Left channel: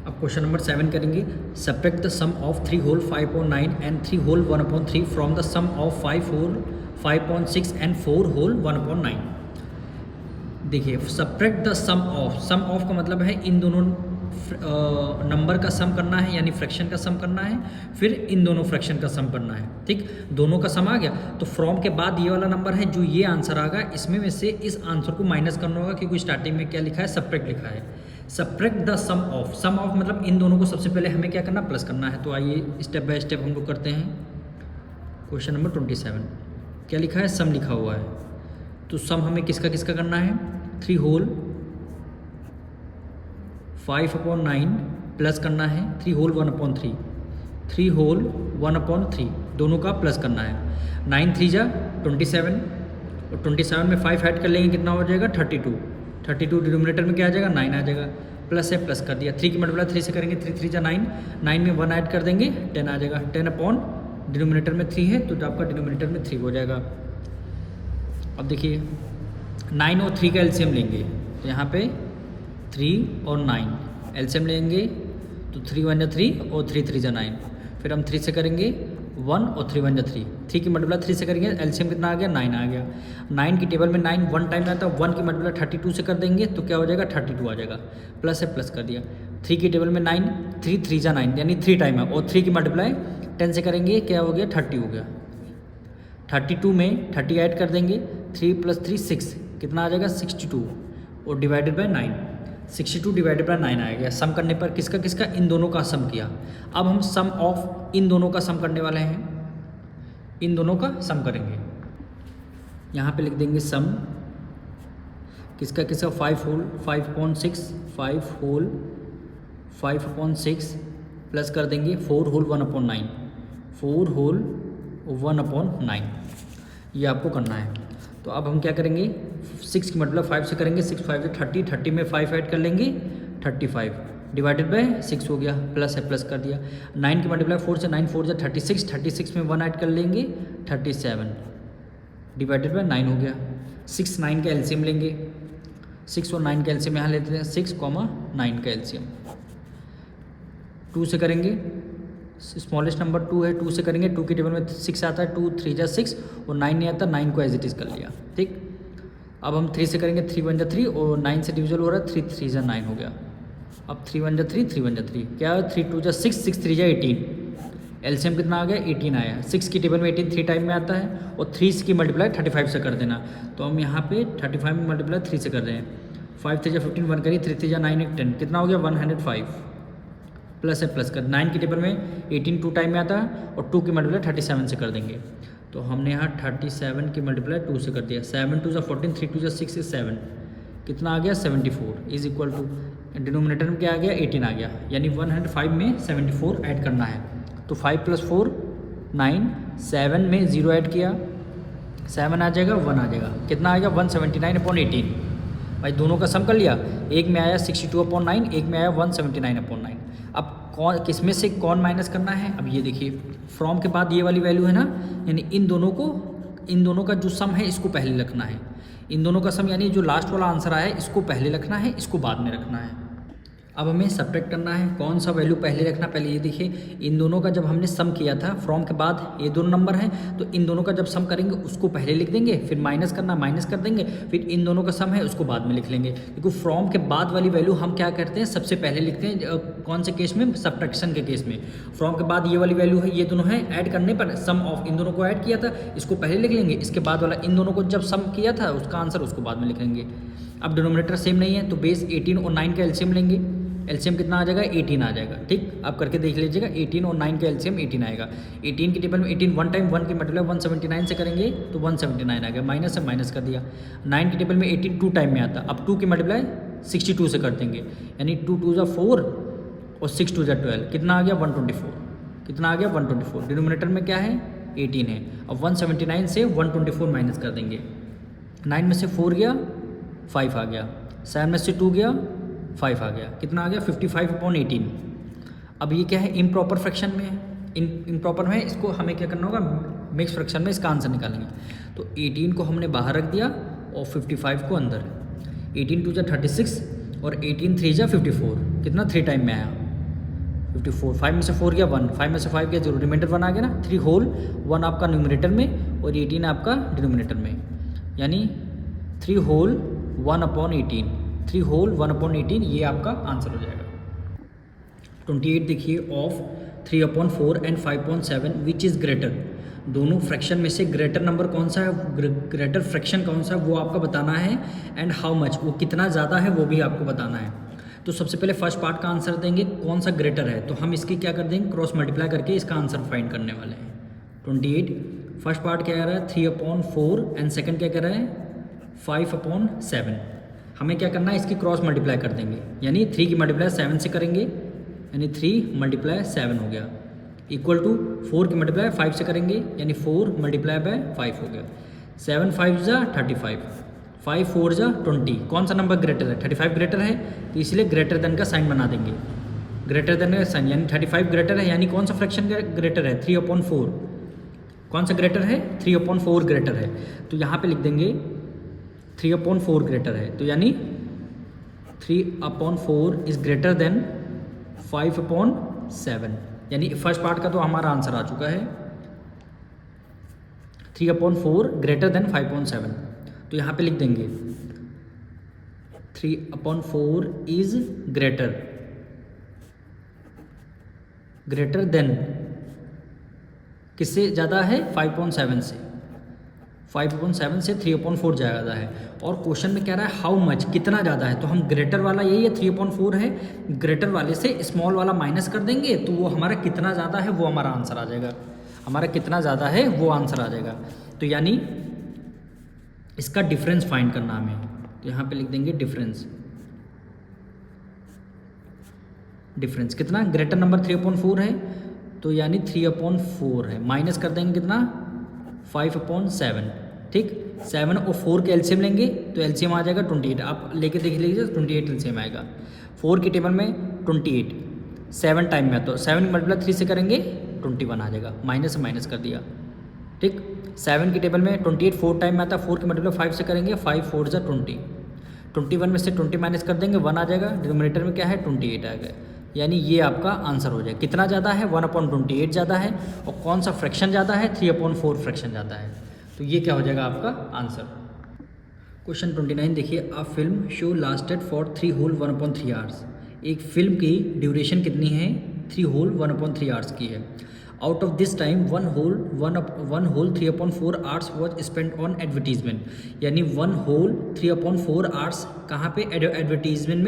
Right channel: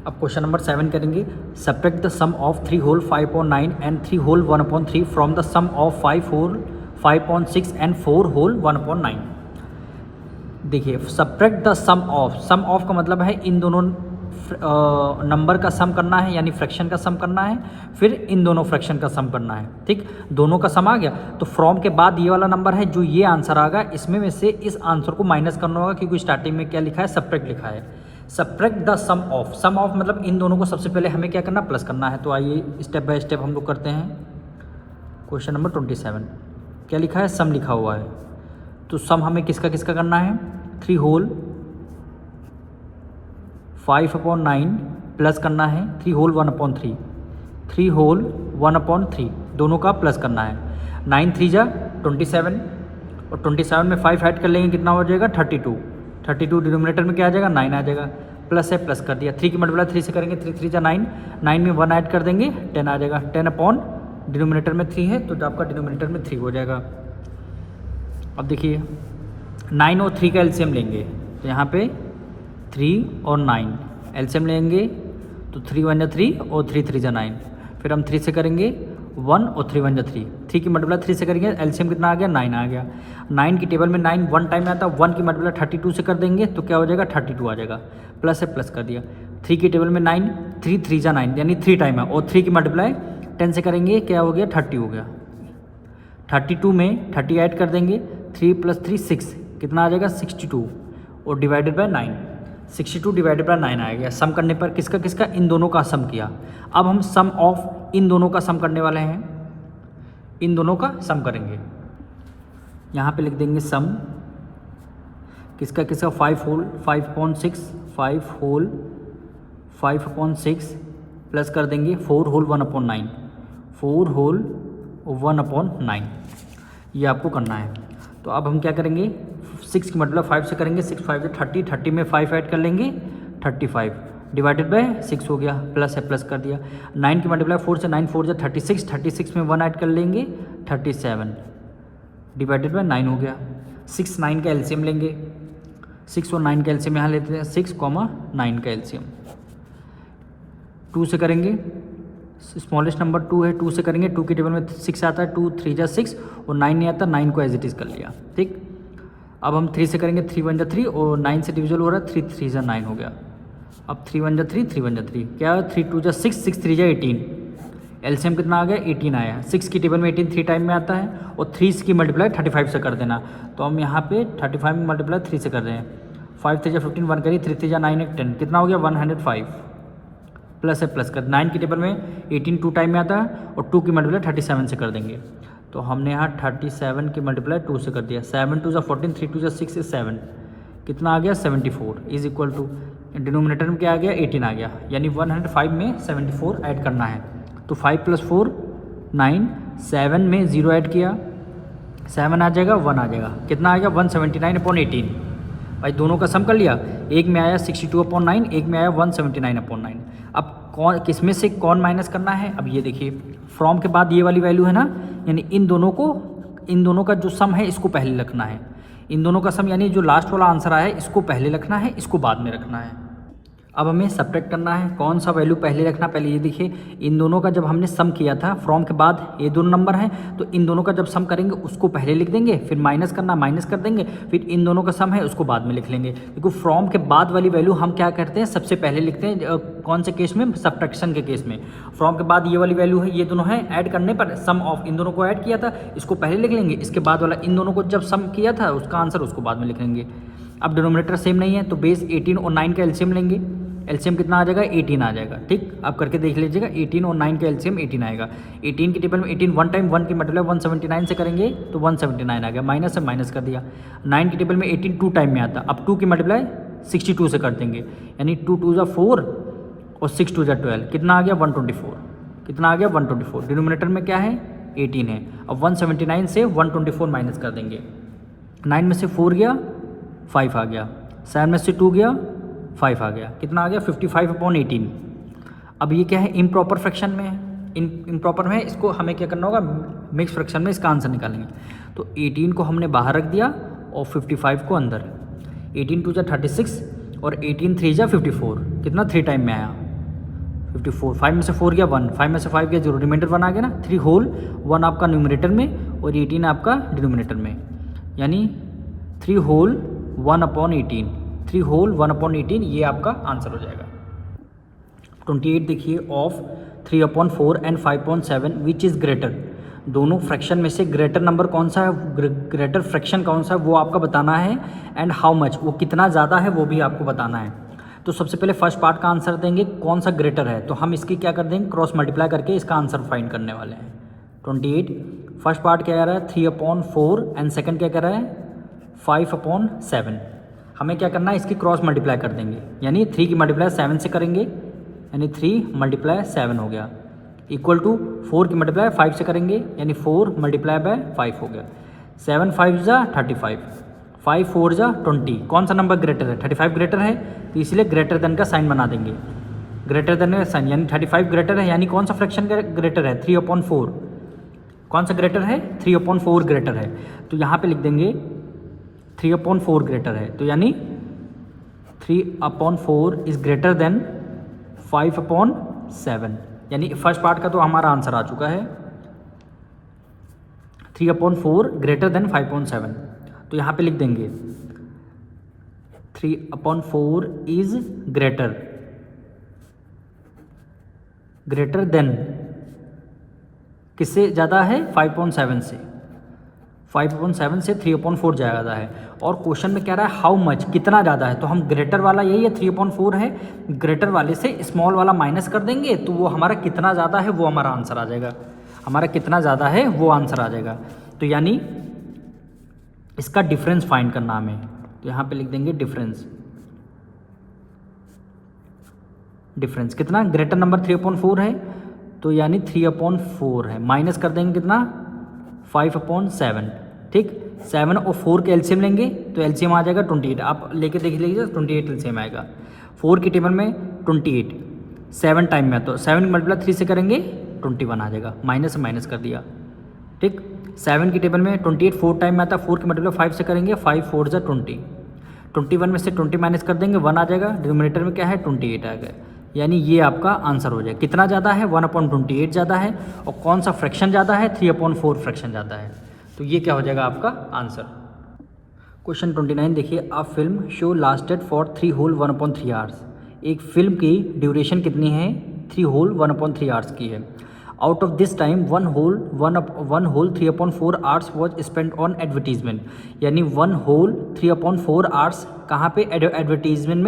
अब question number 7 करेंगे, subtract the sum of 3 whole 5/9 and 3 whole 1/3 from the sum of 5 whole 5/6 and 4 whole 1/9। देखिए subtract the sum of का मतलब है इन दोनों नंबर का सम करना है, यानी फ्रैक्शन का सम करना है, फिर इन दोनों फ्रैक्शन का सम करना है। ठीक, दोनों का सम आ गया तो फ्रॉम के बाद ये वाला नंबर है जो ये आंसर आ गया, इसमें में से इस आंसर को माइनस करना होगा, क्योंकि स्टार्टिंग में क्या लिखा है, सब्ट्रैक्ट लिखा है। सब्ट्रैक्ट द सम ऑफ मतलब इन दोनों को सबसे पहले हमें क्या करना, प्लस करना है। तो आइए स्टेप बाय स्टेप हम लोग करते हैं। क्वेश्चन नंबर 27 क्या लिखा है, सम लिखा हुआ है। तो सम हमें किसका किसका करना है, 3 होल 5/9 प्लस करना है 3 होल 1/3, 3 होल 1/3 दोनों का प्लस करना है। 9 3 जा 27 और 27 में 5 ऐड कर लेंगे, कितना हो जाएगा 32 डिनोमिनेटर में क्या आ जाएगा, 9 आ जाएगा। प्लस है, प्लस कर दिया। 3 की मल्टीप्लाई 3 से करेंगे, 3 3 जा 9, 9 में 1 ऐड कर देंगे 10 आ जाएगा। 10 अपॉन डिनोमिनेटर में 3 है तो आपका डिनोमिनेटर में 3 हो जाएगा। अब देखिए 9 और 3 का एलसीएम लेंगे, तो यहाँ पे 3 और 9 एलसीएम लेंगे तो 3 1 जा 3 और 3 3 जा 9। फिर हम 3 से करेंगे 1 और 3 1 जा 3, 3 की मल्टीप्लाई 3 से करेंगे, एलसीएम कितना आ गया, 9 आ गया। 9 की टेबल में 9 1 टाइम आता है, 1 की मल्टीप्लाई 32 से कर देंगे तो क्या हो जाएगा, 32 आ जाएगा। प्लस है, प्लस कर दिया। 3 की टेबल में 9 3 3 जा 9 यानी 3 टाइम है, और 3 की मल्टीप्लाई 10 से करेंगे, क्या हो गया, 30 हो गया। 32 में 30 ऐड कर देंगे, 3 + 3 6, कितना आ जाएगा 62 और डिवाइडेड बाय 9, 62 डिवाइडेड बाय 9 आ गया। सम करने पर किसका किसका, इन दोनों का सम किया। अब हम सम ऑफ इन दोनों का सम करने वाले हैं, इन दोनों का सम करेंगे। यहाँ पे लिख देंगे सम किसका किसका, 5 होल 5/6, 5 होल 5/6 प्लस कर देंगे 4 होल 1/9, 4 होल 1/9, ये आपको करना है। तो अब हम क्या करेंगे, 6 की मल्टीप्लाई 5 से करेंगे, 6 5 30, 30 में 5 ऐड कर लेंगे 35 डिवाइडेड बाय 6 हो गया। प्लस है, प्लस कर दिया। 9 की मल्टीप्लाई 4 से 9 4 36, 36 में 1 ऐड कर लेंगे 37 डिवाइडेड बाय 9 हो गया। 6 9 का एलसीएम लेंगे, 6 और 9 का एलसीएम यहाँ लेते हैं, 6, 9 का एलसीएम। 2 से करेंगे, स्मॉलेस्ट नंबर 2 है, 2 से करेंगे, 2 की टेबल में 6 आता है, 2 3 जा 6 और 9 नहीं आता, 9 को एज इट इज़ कर लिया। ठीक, अब हम 3 से करेंगे, 3 1 जा 3 और 9 से डिविजल हो रहा है, 3 3 जा 9 हो गया। अब 3 1 जा 3, 3 1 जा 3, क्या है, 3 2 जा 6, 6 3 जा 18, एलसीएम कितना आ गया, 18 आया। 6 की टेबल में 18 3 टाइम में आता है और 3 की मल्टीप्लाई 35 से कर देना। तो हम यहाँ पे 35 में मल्टीप्लाई 3 से कर रहे हैं, 5 3 जा 15, 1 करिए, 3 3 जा 9 1 10, कितना हो गया 105। प्लस है, प्लस कर। 9 की टेबल में 18 2 टाइम में आता है और 2 की मल्टीप्लाई 37 से कर देंगे। तो हमने यहाँ 37 की मल्टीप्लाई 2 से कर दिया। 7 2 जा 14, 3 2 जा 6 is 7, कितना आ गया 74 इज इक्वल टू, डिनोमिनेटर में क्या आ गया 18 आ गया, यानी 105 में 74 ऐड करना है। तो 5 + 4 9, 7 में 0 ऐड किया, 7 आ जाएगा, 1 आ जाएगा, कितना आएगा 179/18। भाई दोनों का सम कर लिया, एक में आया 62/9, एक में आया 179/9। अब कौन किस में से कौन माइनस करना है, अब ये देखिए फ्रॉम के बाद ये वाली वैल्यू है ना, यानी इन दोनों का जो सम है इसको पहले रखना है। इन दोनों का सम यानी जो लास्ट वाला आंसर आया है इसको पहले रखना है, इसको बाद में रखना है। अब हमें सब्ट्रैक्ट करना है, कौन सा वैल्यू पहले रखना, पहले ये देखिए इन दोनों का जब हमने सम किया था फ्रॉम के बाद ये दोनों नंबर हैं, तो इन दोनों का जब सम करेंगे उसको पहले लिख देंगे, फिर माइनस करना, माइनस कर देंगे, फिर इन दोनों का सम है उसको बाद में लिख लेंगे। क्योंकि फ्रॉम के बाद वाली वैल्यू हम क्या करते हैं, सबसे पहले लिखते हैं। कौन से केस में, सब्ट्रैक्शन के केस में। फ्रॉम के बाद ये वाली वैल्यू है, ये दोनों है, ऐड करने पर सम ऑफ इन दोनों को ऐड किया था, इसको पहले लिख लेंगे, इसके बाद वाला इन दोनों को जब सम किया था उसका आंसर उसको बाद में लिख लेंगे। अब डिनोमिनेटर सेम नहीं है तो बेस 18 और 9 का एलसीएम लेंगे, एलसीएम कितना आ जाएगा 18 आ जाएगा। ठीक, आप करके देख लीजिएगा, 18 और 9 के एलसीएम 18 आएगा। 18 की टेबल में 18 1 टाइम 1 की मल्टीप्लाई 179 से करेंगे तो 179 आ गया, माइनस से माइनस कर दिया। 9 की टेबल में 18 2 टाइम में आता, अब 2 की मल्टीप्लाई 62 से कर देंगे, यानी 2 2 जा 4 और 6 2 जा 12, कितना आ गया 124, कितना आ गया 124। डिनोमिनेटर में क्या है 18 है। अब 179 से 124 माइनस कर देंगे, 9 में से 4 गया 5 आ गया, 7 में से 2 गया 5 आ गया, कितना आ गया 55/18। अब ये क्या है, इम्प्रॉपर फ्रैक्शन में है, इम्प्रॉपर में है, इसको हमें क्या करना होगा, मिक्स फ्रैक्शन में इसका आंसर निकालेंगे। तो 18 को हमने बाहर रख दिया और 55 को अंदर। 18 2 जा 36 और 18 3 जा 54, कितना 3 टाइम में आया, 54, 5 में से 4 गया 1, 5 में से 5 गया 0, रिमाइंडर 1 आ गया ना। 3 होल 1 आपका न्यूमरेटर में और 18 आपका डिनोमिनेटर में, यानी 3 होल 1/18, 3 होल 1/18 ये आपका आंसर हो जाएगा। 28 देखिए, of 3/4 and 5/7 which is greater. दोनों फ्रैक्शन में से ग्रेटर नंबर कौन सा है, ग्रेटर फ्रैक्शन कौन सा है वो आपका बताना है, एंड हाउ मच, वो कितना ज़्यादा है वो भी आपको बताना है। तो सबसे पहले फर्स्ट पार्ट का आंसर देंगे कौन सा ग्रेटर है, तो हम इसकी क्या कर देंगे, क्रॉस मल्टीप्लाई करके इसका आंसर फाइंड करने वाले हैं। 28 फर्स्ट पार्ट क्या कह रहा है 3/4 एंड सेकंड क्या कह रहा है 5/7। हमें क्या करना है, इसकी क्रॉस मल्टीप्लाई कर देंगे, यानी 3 की मल्टीप्लाई 7 से करेंगे, यानी 3 × 7 हो गया, इक्वल टू 4 की मल्टीप्लाई 5 से करेंगे, यानी 4 × 5 हो गया। 7 5 = 35, 5 4 = 20। कौन सा नंबर ग्रेटर है, 35 ग्रेटर है, तो इसलिए ग्रेटर देन का साइन बना देंगे, ग्रेटर देन का साइन, यानी 35 ग्रेटर है, यानी कौन सा फ्रैक्शन ग्रेटर है 3/4, कौन सा ग्रेटर है 3/4 ग्रेटर है, तो यहाँ पे लिख देंगे 3/4 ग्रेटर है, तो यानी 3/4 इज़ ग्रेटर देन 5/7, यानी फर्स्ट पार्ट का तो हमारा आंसर आ चुका है 3/4 ग्रेटर देन 5/7। तो यहाँ पे लिख देंगे 3/4 इज ग्रेटर देन, किससे ज़्यादा है 5/7 से, 5/7 से 3/4 ज़्यादा है। और क्वेश्चन में कह रहा है हाउ मच, कितना ज़्यादा है, तो हम ग्रेटर वाला यही है 3/4 है, ग्रेटर वाले से स्मॉल वाला माइनस कर देंगे, तो वो हमारा कितना ज़्यादा है वो हमारा आंसर आ जाएगा, हमारा कितना ज़्यादा है वो आंसर आ जाएगा। तो यानी इसका डिफरेंस फाइंड करना हमें, तो यहाँ पे लिख देंगे डिफरेंस कितना, ग्रेटर नंबर 3/4 है, तो यानी 3/4 है, माइनस कर देंगे कितना 5/7, ठीक। 7 और 4 के एलसीएम लेंगे तो एलसीएम आ जाएगा 28, आप लेके देख लीजिए 28 एलसीएम आएगा। 4 की टेबल में 28 7 टाइम में, तो 7 की मल्टीप्लाई 3 से करेंगे 21 आ जाएगा, माइनस से माइनस कर दिया, ठीक। 7 की टेबल में 28 4 टाइम में आता है, 4 की मल्टीप्लाई 5 से करेंगे, 5 4 = 20, 21 में से 20 माइनस कर देंगे 1 आ जाएगा, डिनोमिनेटर में क्या है 28 आ गया, यानी ये आपका आंसर हो जाएगा। कितना ज़्यादा है 1/28 ज़्यादा है, और कौन सा फ्रैक्शन ज़्यादा है 3/4 फ्रैक्शन ज़्यादा है, तो ये क्या हो जाएगा आपका आंसर। क्वेश्चन 29 देखिए, a film show lasted for 3 whole 1/3 hours. एक फिल्म की ड्यूरेशन कितनी है 3 होल 1/3 आवर्स की है। Out of this time 1 whole 3/4 hours was spend on advertisement, यानी 1 होल 3/4 आवर्स कहाँ पे एडवर्टीजमेंट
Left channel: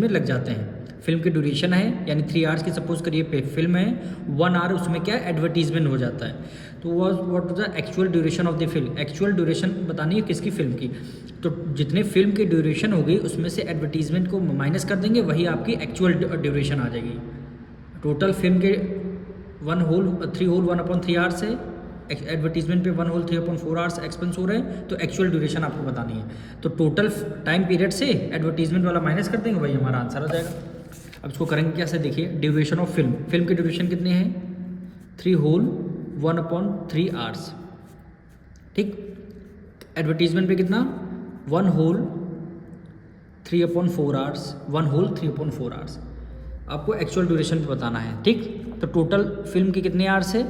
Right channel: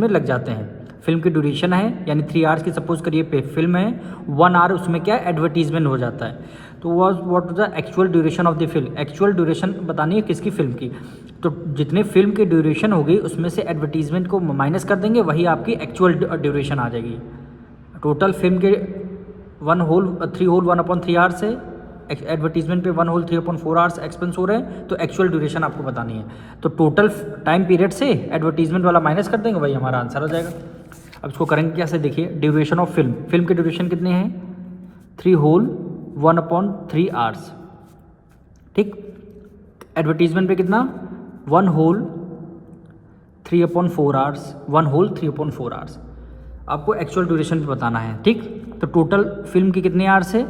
में लग जाते हैं। फिल्म की ड्यूरेशन है यानी 3 आवर्स की सपोज करिए फिल्म है, 1 आवर उसमें क्या एडवर्टीजमेंट हो जाता है, तो what the actual duration of the film, actual duration बतानी है किसकी फिल्म की, तो जितने फिल्म की ड्यूरेशन होगी उसमें से एडवर्टीजमेंट को माइनस कर देंगे, वही आपकी एक्चुअल ड्यूरेशन आ जाएगी। टोटल फिल्म के 3 होल 1/3 आवर्स है, एडवर्टीजमेंट पे 1 होल 3/4 आवर्स एक्सपेंस हो रहे हैं, तो एक्चुअल ड्यूरेशन आपको बतानी है, तो टोटल टाइम पीरियड से एडवर्टीजमेंट वाला माइनस कर देंगे, वही हमारा आंसर हो जाएगा। अब इसको करेंगे कैसे, देखिए ड्यूरेशन ऑफ फिल्म की ड्यूरेशन कितनी है 3 होल 1/3 आवर्स, ठीक। एडवर्टीजमेंट पे कितना 1 होल 3/4 आवर्स, 1 होल 3/4 आवर्स, आपको एक्चुअल ड्यूरेशन भी बताना है, ठीक। तो टोटल फिल्म की कितने आवर्स है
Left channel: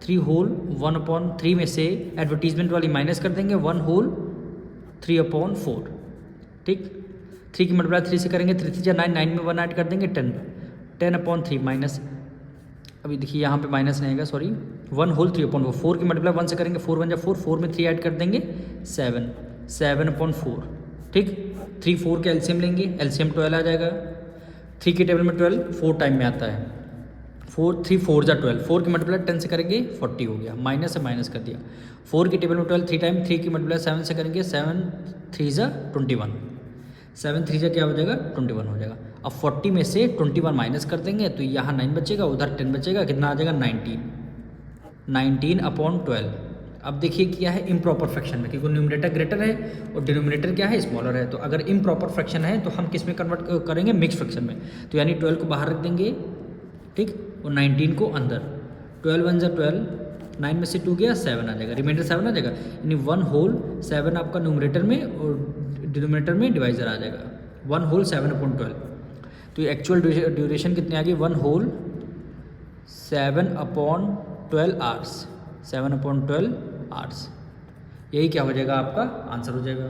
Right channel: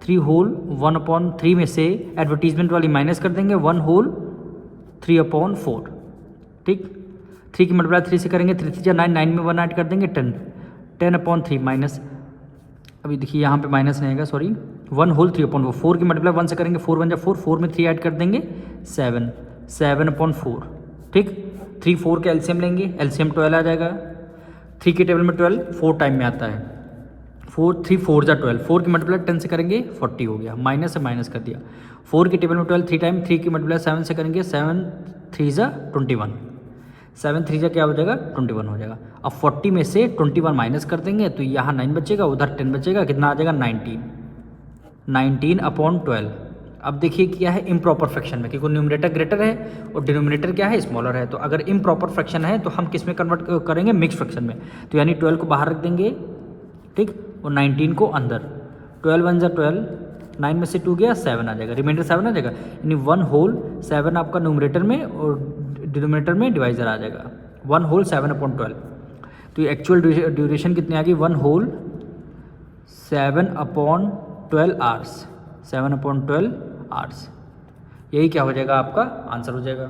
3 होल 1/3 में से एडवर्टीजमेंट वाली माइनस कर देंगे 1 होल 3/4, ठीक। 3 की मल्टीप्लाई 3 से करेंगे, 3 3 9, 9 में 1 ऐड कर देंगे 10/3 माइनस, अभी देखिए यहाँ पे माइनस रहेगा, सॉरी 1 होल 3/4, 4 की मल्टीप्लाई 1 से करेंगे 4 1 = 4, 4 में 3 ऐड कर देंगे 7/4, ठीक। 3 4 के एलसीएम लेंगे, एलसीएम 12 आ जाएगा, 3 की टेबल में 12 4 टाइम में आता है, 3 4 = 12, 4 की मल्टीप्लाई 10 से करेंगे 40 हो गया, माइनस से माइनस कर दिया। 4 की टेबल में 12 3 टाइम, 3 की मल्टीप्लाई 7 से करेंगे, 7 3 = 21, 7 3 क्या हो जाएगा 21 हो जाएगा। अब 40 में से 21 माइनस कर देंगे, तो यहाँ 9 बचेगा, उधर 10 बचेगा, कितना आ जाएगा 19/12। अब देखिए क्या है इम्प्रॉपर फ्रैक्शन में, क्योंकि न्यूमरेटर ग्रेटर है और डिनोमिनेटर क्या है स्मॉलर है, तो अगर इम्प्रॉपर फ्रैक्शन है तो हम किस में कन्वर्ट करेंगे मिक्स फ्रैक्शन में, तो यानी 12 को बाहर रख देंगे, ठीक, और 19 को अंदर, 12 1 = 12, 9 में से 2 गया 7 आ जाएगा, रिमाइंडर 7 आ जाएगा, यानी 1 होल 7 आपका न्यूमरेटर में और डिनोमिनेटर में डिवाइजर आ जाएगा, 1 होल 7/12। तो ये एक्चुअल ड्यूरेशन कितनी आ गई 1 होल 7/12 आवर्स, 7/12 आवर्स। यही क्या हो जाएगा आपका आंसर हो जाएगा।